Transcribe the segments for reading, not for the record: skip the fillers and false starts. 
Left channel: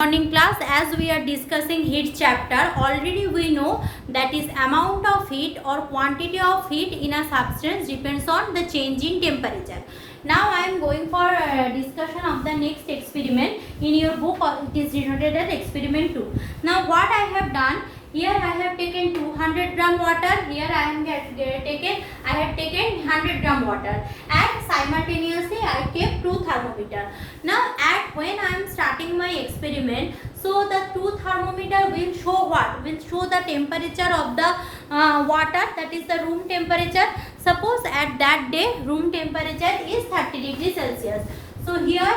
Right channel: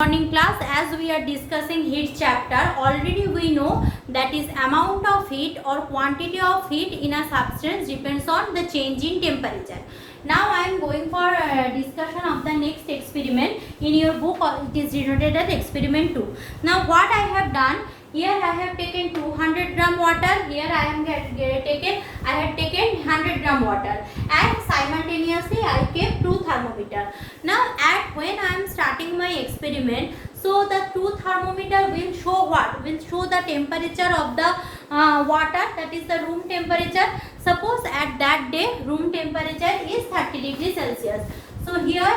Morning class, as we are discussing heat chapter, already we know that is amount of heat or quantity of heat in a substance depends on the change in temperature. Now I am going for discussion of the next experiment. In your book it is denoted as experiment 2. Now what I have done, here I have taken 200 gram water, here I have taken 100 gram water, and simultaneously I kept two thermometer. Now when I am starting my experiment, so the two thermometer will show what? Will show the temperature of the water, that is the room temperature. Suppose at that day room temperature is 30 degrees Celsius. So here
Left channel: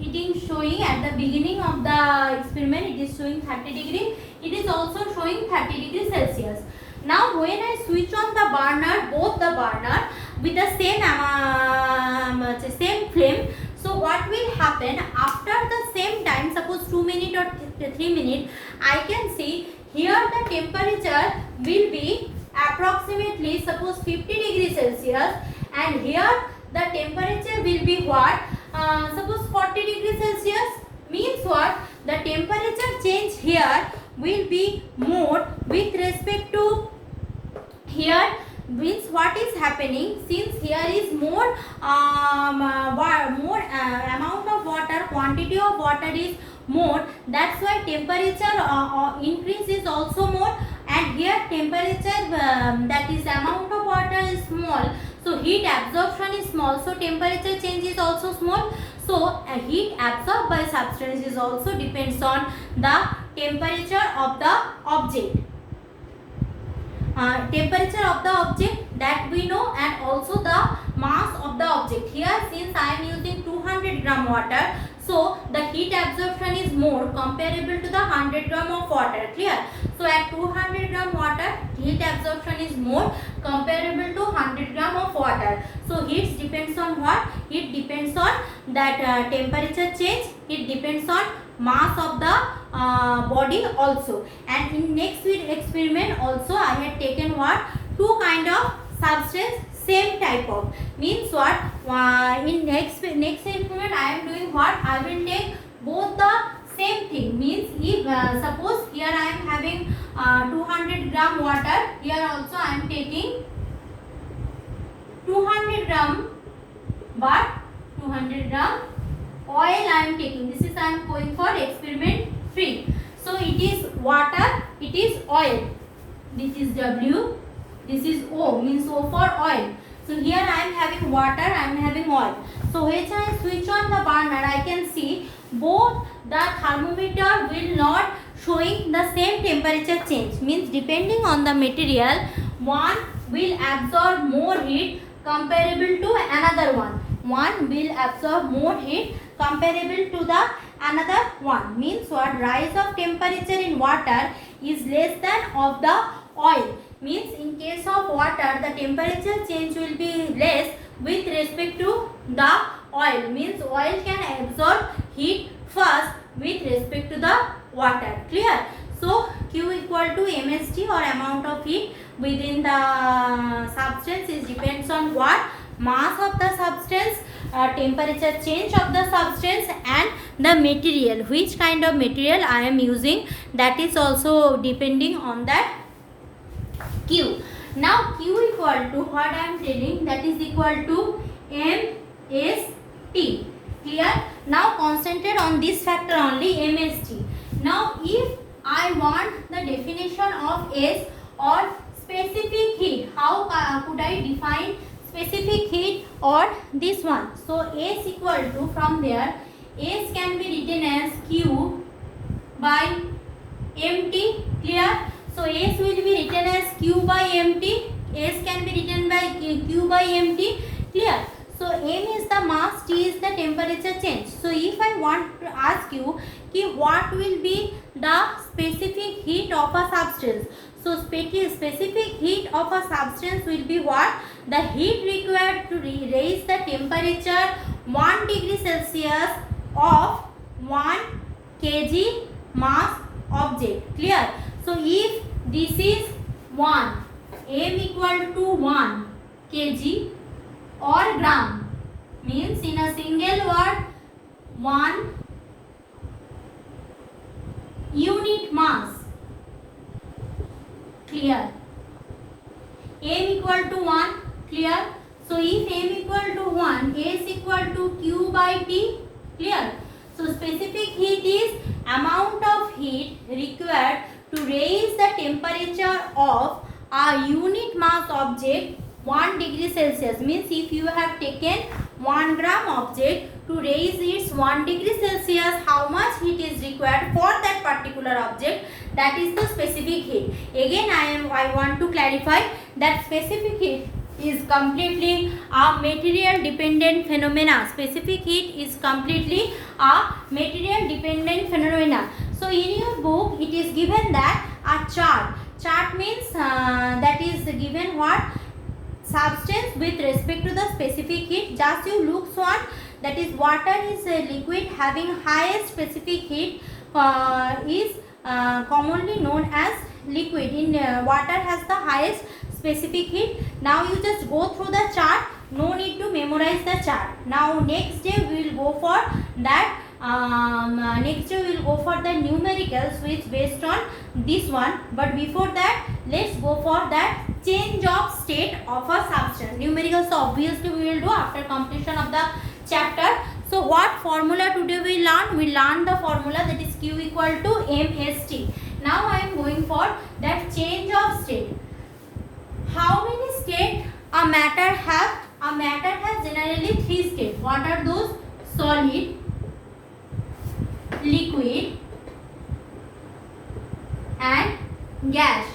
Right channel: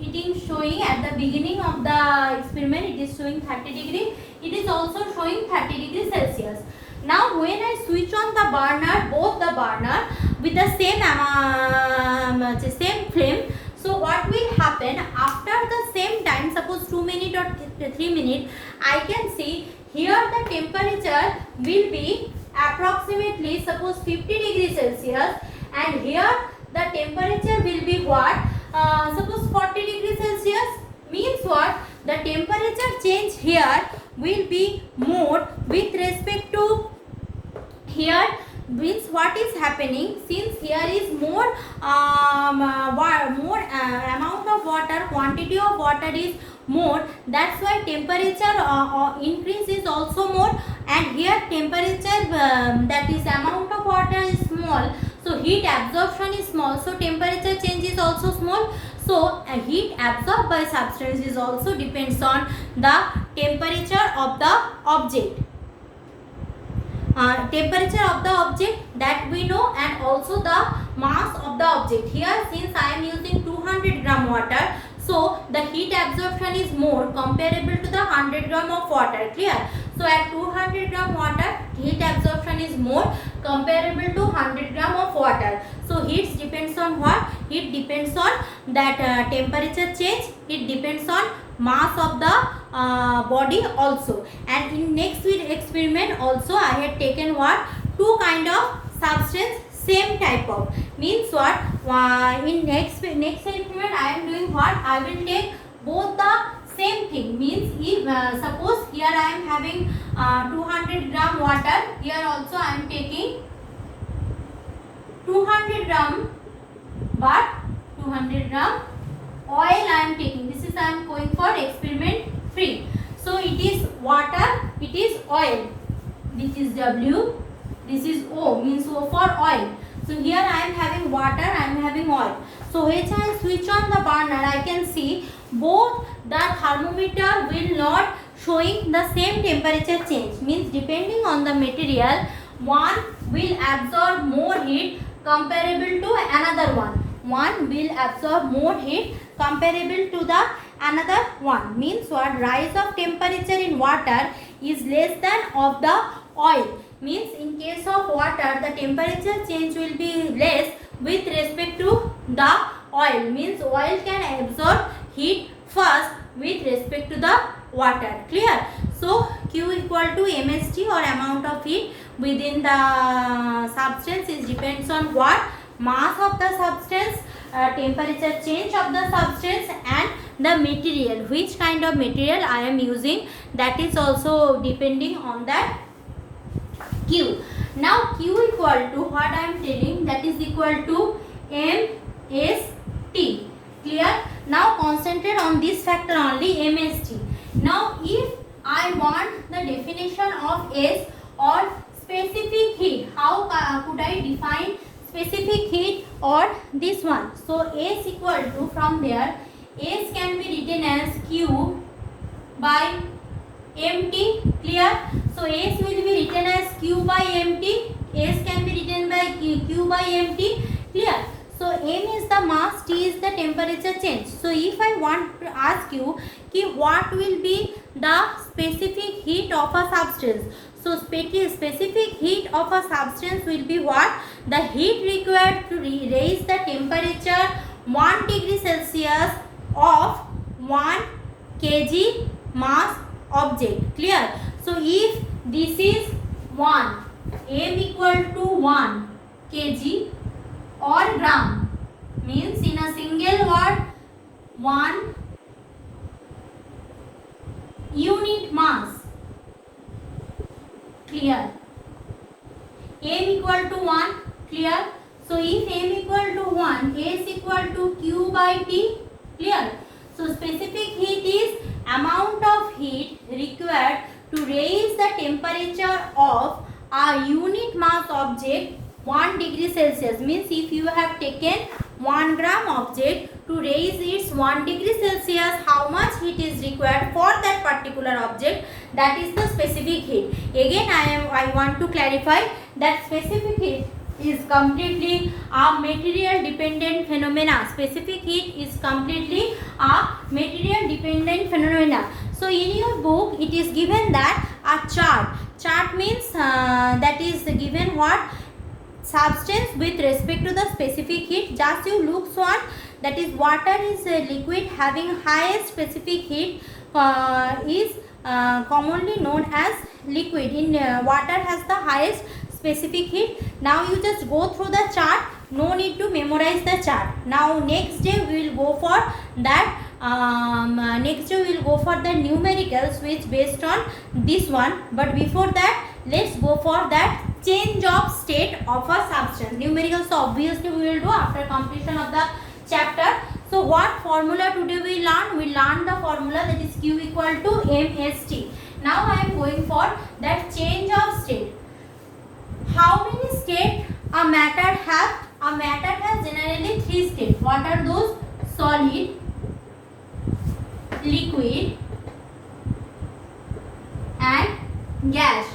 it is showing at the beginning of the experiment, it is showing 30 degree. It is also showing 30 degrees Celsius. Now when I switch on the burner, both the burner with the same flame, so what will happen after the same time, suppose 2 minutes or 3 minutes, I can see here the temperature will be approximately suppose 50 degrees Celsius, and here the temperature will be what? Suppose 40 degrees Celsius. Means what? The temperature change here will be more with respect to here. Means what is happening, since here is more amount of water, quantity of water is more, that's why temperature increase is also more, and here temperature that is amount of water is small, so heat absorption is small, so temperature change is also small. So heat absorbed by substance is also depends on the temperature of the object. Temperature of the object that we know, and also the mass of the object. Here since I am using 200 gram water, so the heat absorption is more comparable to the 100 gram of water. Clear? So at 200 gram water, heat absorption is more comparable to 100 gram of water. So heat depends on what? Heat depends on that temperature change. It depends on mass of the body also. And in next experiment also I had taken what? Two kind of substance, same type of. Means what? In next experiment I am doing what? I will take both the same thing. Means if suppose here I am having 200 gram water, here also I am taking 200 gram, but 200 gram oil I am taking. This is I am going for experiment 3. So it is water, it is oil. This is W, this is O, means O for oil. So here I am having water, I am having oil. So when I switch on the burner, I can see both the thermometer will not showing the same temperature change. Means depending on the material, one will absorb more heat comparable to another one. One will absorb more heat comparable to the another one. Means what? Rise of temperature in water is less than of the oil. Means in case of water, the temperature change will be less with respect to the oil. Means oil can absorb heat first with respect to the water. Clear? So Q equal to mST, or amount of heat within the substance, is depends on what? Mass of the substance, temperature change of the substance, and the material, which kind of material I am using, that is also depending on that Q. Now Q equal to what I am telling, that is equal to mST. Clear? Now concentrate on this factor only, mST. Now if I want the definition of S, or specific heat, how could I define specific heat or this one? So S equal to, from there S can be written as Q by MT. Clear? So S will be written as Q by MT. S can be written by Q by MT. Clear? So M is the mass, T is the temperature change. So if I want to ask you what will be the specific heat of a substance, so specific heat of a substance will be what? The heat required to raise the temperature 1 degree Celsius of 1 kg mass object. Clear? So if this is 1, M equal to 1 kg or gram, means in a single word 1 unit mass. Clear? M equal to 1. Clear? So if M equal to 1, S equal to Q by T. Clear? So specific heat is amount of heat required to raise the temperature of a unit mass object 1 degree Celsius. Means if you have taken 1 gram object, to raise its 1 degree Celsius, how much heat is required for that particular object, that is the specific heat. Again I want to clarify that specific heat is completely a material dependent phenomena. Specific heat is completely a material dependent phenomena. So in your book it is given that a chart means that is given what substance with respect to the specific heat. Just you look one, that is water is a liquid having highest specific heat is commonly known as liquid. In water has the highest specific heat. Now you just go through the chart, no need to memorize the chart. Now next day we will go for that next day we will go for the numericals which based on this one. But before that let's go for that change of state of a substance. Numericals obviously we will do after completion of the chapter. So what formula today we learn? We learn the formula, that is Q equal to mST. Now I am going for that change of state. How many states a matter has? A matter has generally 3 states. What are those? Solid, liquid and gas.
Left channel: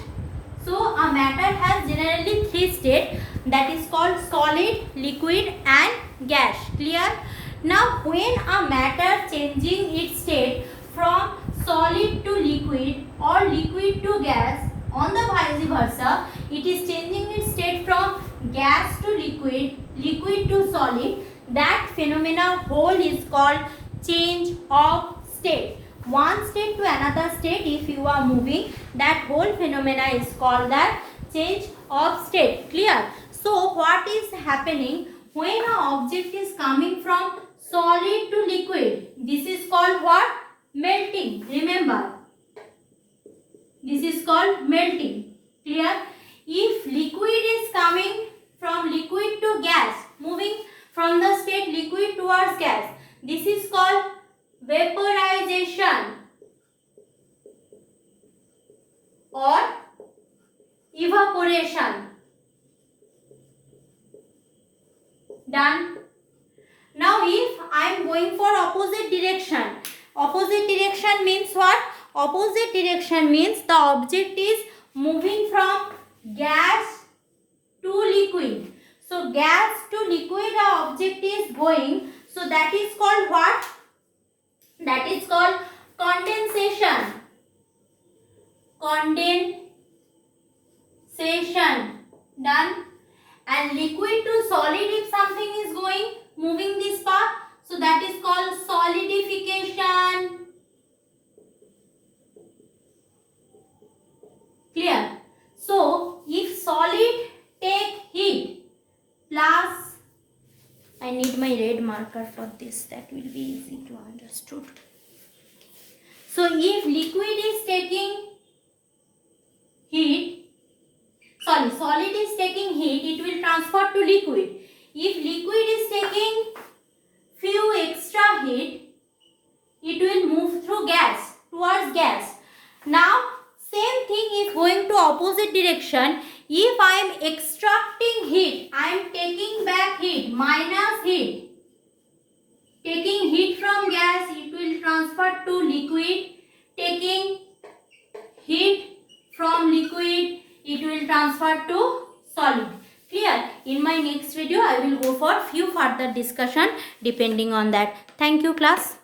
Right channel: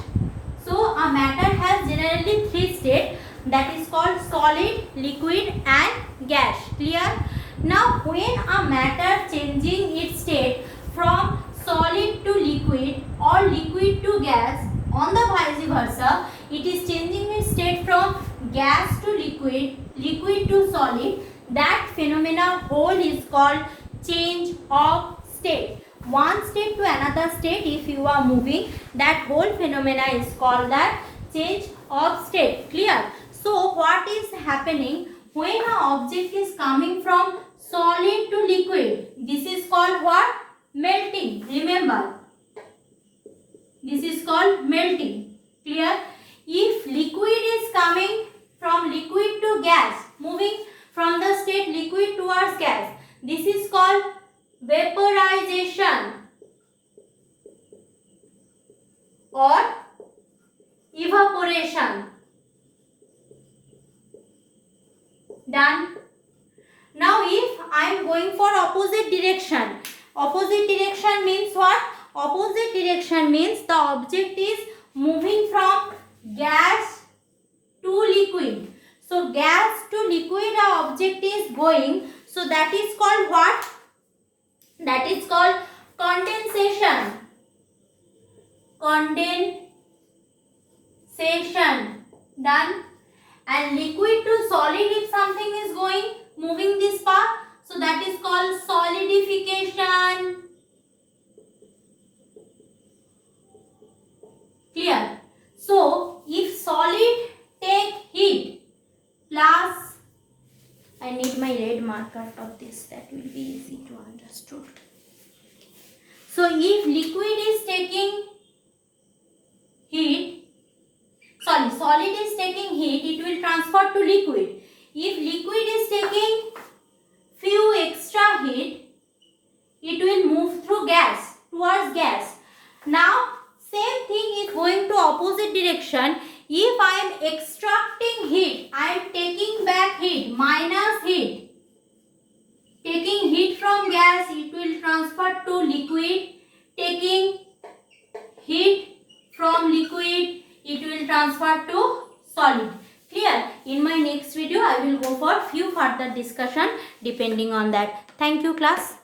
So a matter has generally 3 states, that is called solid, liquid and gas. Clear? Now when a matter changing its state from solid to liquid or liquid to gas, on the vice versa, it is changing its state from gas to liquid, liquid to solid, that phenomena whole is called change of state. One state to another state if you are moving, that whole phenomena is called that change of state. Clear? So what is happening when an object is coming from solid to liquid? This is called what? Melting. Remember, this is called melting. Clear? If liquid is coming from liquid to gas, moving from the state liquid towards gas, this is called vaporization or evaporation. Done. Now if I am going for opposite direction, opposite direction means what? Opposite direction means the object is moving from gas to liquid. So gas to liquid the object is going. So that is called what? That is called condensation. Condensation. Done. And liquid to solid, if something is going, moving this path, so that is called solidification. Clear? So if solid take heat plus, I need my red marker for this, that will be easy to understood. So if liquid is taking heat, solid is taking heat, it will transfer to liquid. If liquid is taking few extra heat, it will move through gas, towards gas. Now same thing is going to opposite direction. If I am extracting heat, I am taking back heat, minus heat. Taking heat from gas, it will transfer to liquid. Taking heat from liquid, it will transfer to solid. Clear? In my next video, I will go for few further discussion depending on that. Thank you, class.